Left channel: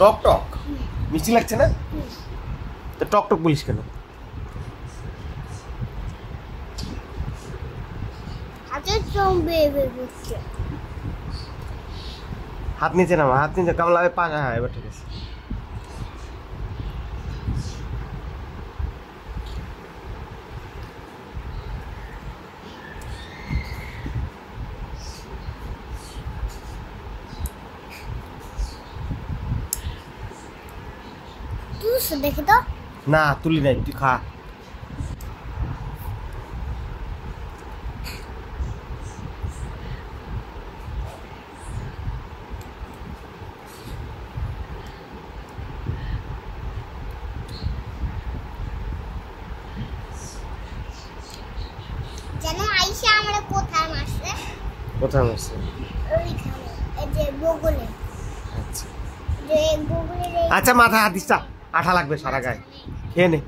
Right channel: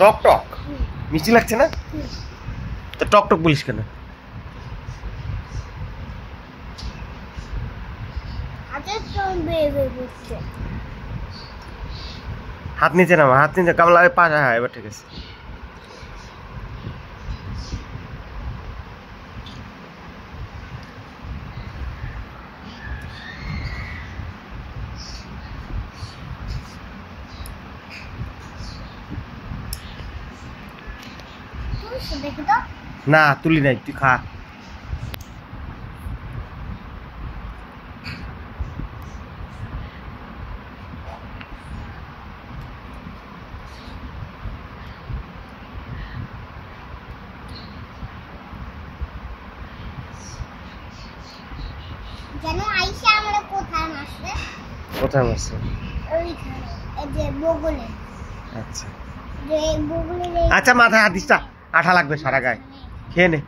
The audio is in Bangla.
টক টক মিষ্টি লাগছে না? তো টক টক বলিস কেন? হাত নিচে নামা, হাত নিচে কামলা পা। হ্যাঁ এবার ঠিক আছে। না তুলি নাই, তুই খা। জানো আইসা আমরা কোথায় মারছে? কোথায় মারছে? ওইখানে, এই যে বগলে। আচ্ছা যে বগলে। আচ্ছা মাথায় হাত দিস, আঠা লাগবে সারা গায়ে। খেয়ে নে।